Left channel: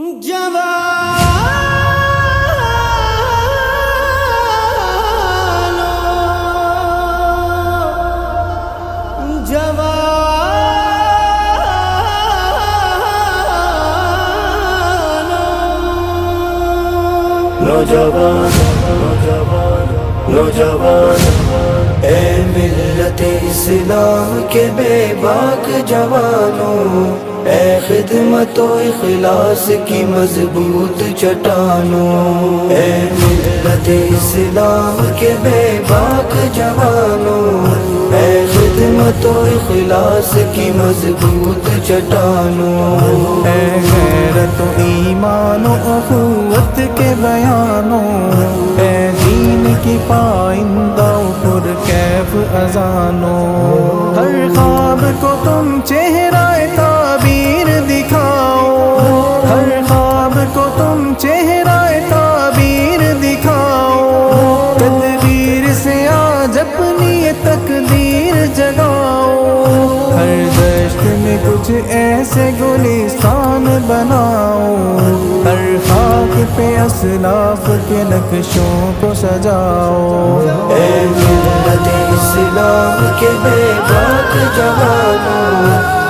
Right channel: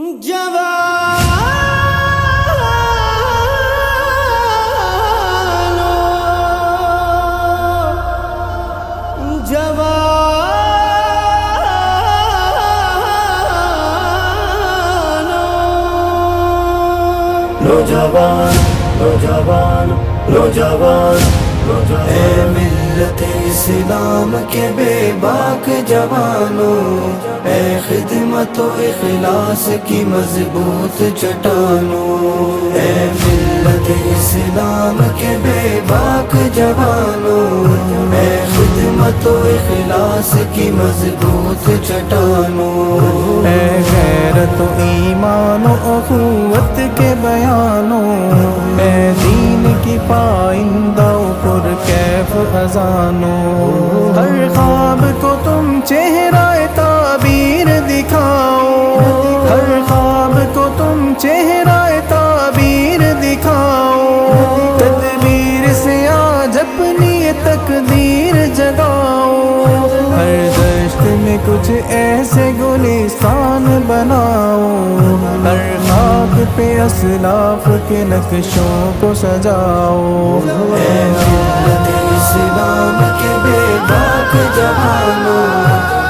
نوجوان نوجوان نوجوان اے ملت اسلام کے بے باک جوانوں، اے خدمت و اخلاص کی مضبوط چٹانوں، اے ملت اسلام کے بے باک جوانوں، اے خدمت و اخلاص کی مضبوط چٹانوں، اے غیرت و ایمان و اخوت کے بیانوں، اے دین کی پائندہ و پرکیف اذانوں، ہر خواب کو تم چہرہ تعبیر دکھاؤ، ہر خواب کو تم چہرہ تعبیر دکھاؤ، تدبیر سے آج اپنی تقدیر جگاؤ، ہر دشت میں کچھ ایسے گلستان بناؤ، ہر خاک پہ اسلاف کے نقشوں کو سجاؤ، اے ملت اسلام کے بے باک جوانوں،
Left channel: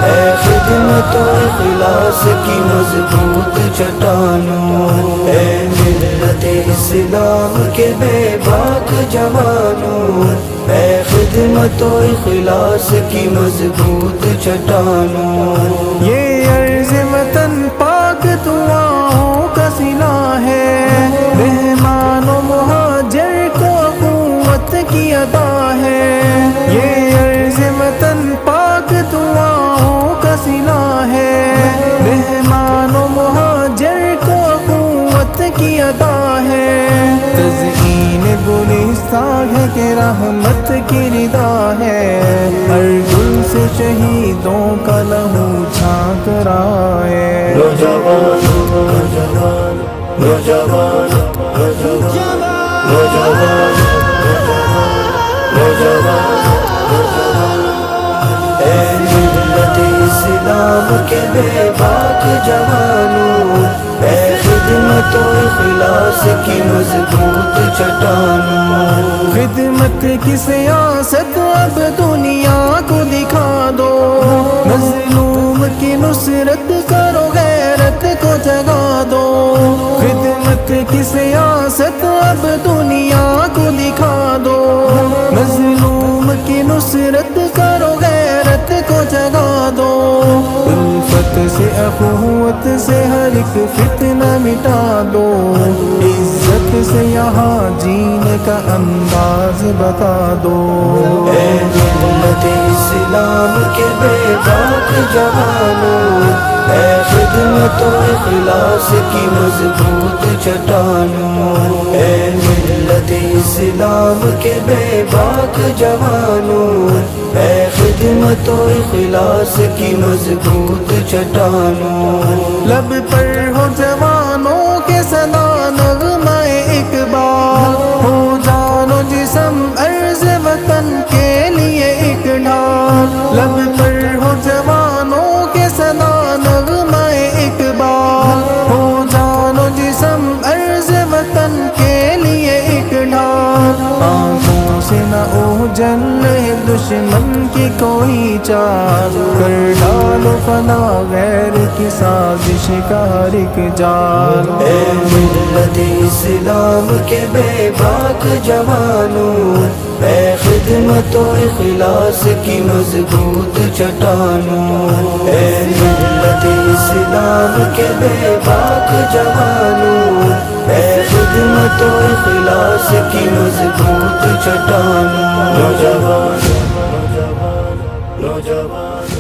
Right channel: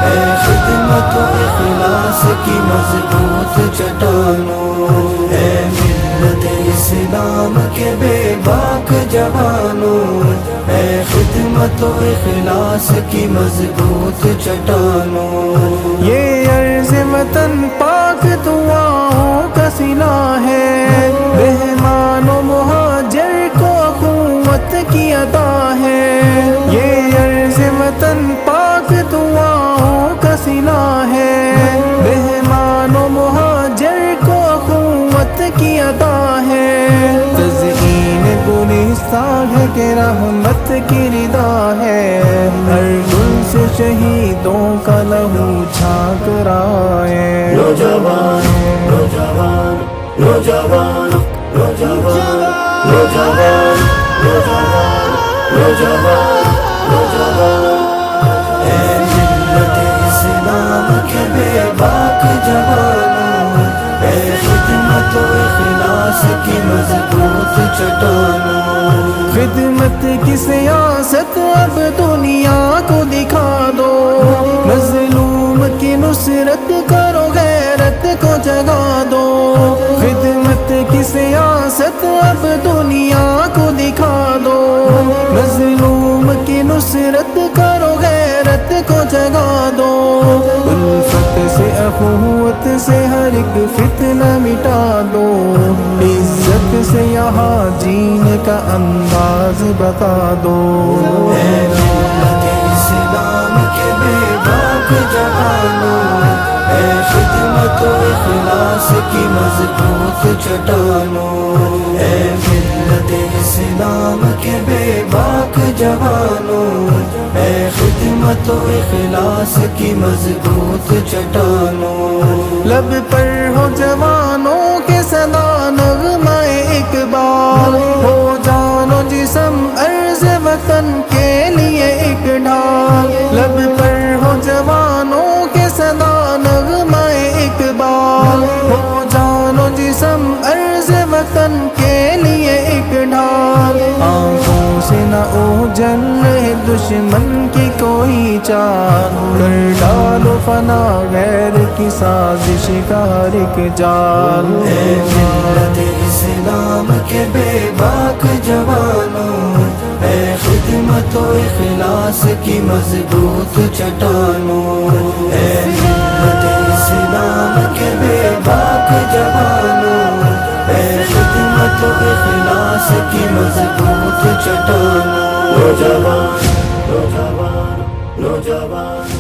اے خدمت و اخلاص کی مضبوط چٹانوں، اے ملت اسلام کے بے باک جوانوں، اے خدمت و اخلاص کی مضبوط چٹانوں، یہ عرض وطن پاک دعاؤں کا صلہ ہے، مہمان و مہاجر کو قوت کی عطا ہے، یہ عرض وطن پاک دعاؤں کا صلہ ہے، مہمان و مہاجر کو قوت کی عطا ہے، تزئین گلستان ہے کہ رحمت کی رضا ہے، ہر گل سے شہیدوں کا لہو چھانک رہا ہے، نوجوان نوجوان نوجوان نوجوان نوجوان نوجوان اے ملت اسلام کے بے باک جوانوں، اے خدمت و اخلاص کی مضبوط چٹانوں، خدمت کی سیاست اب دنیا کو دکھا دو، مظلوم کی نصرت کرو غیرت کو جگا دو، خدمت کی سیاست اب دنیا کو دکھا دو، مظلوم کی نصرت کرو غیرت کو جگا دو، الفت سے اخوت سے ہر ایک فتنہ مٹا دو، عزت سے یہاں جینے کا انداز بتا دو، اے ملت اسلام کے بے باک جوانوں، اے خدمت و اخلاص کی مضبوط چٹانوں، اے ملت اسلام کے بے باک جوانوں، اے خدمت و اخلاص کی مضبوط چٹانوں، لب پر ہو جوانوں کے صدا نغمہ اقبال، ہو جان و جسم عرض وطن کے لیے ایک ڈھال، لب پر ہو جوانوں کے صدا نغمہ اقبال، ہو جان و جسم عرض وطن کے لیے ایک ڈھال، آنکھوں سے نہ اوجھل رہے دشمن کی کوئی چال، کر ڈالو فنا غیر کی سازش کا ہر ایک جال، اے ملت اسلام کے بے باک جوانوں، اے خدمت و اخلاص کی مضبوط چٹانوں، اے ملت اسلام کے بے باک جوانوں، اے خدمت و اخلاص کی مضبوط چٹانوں، نوجوان نوجوان نوجوان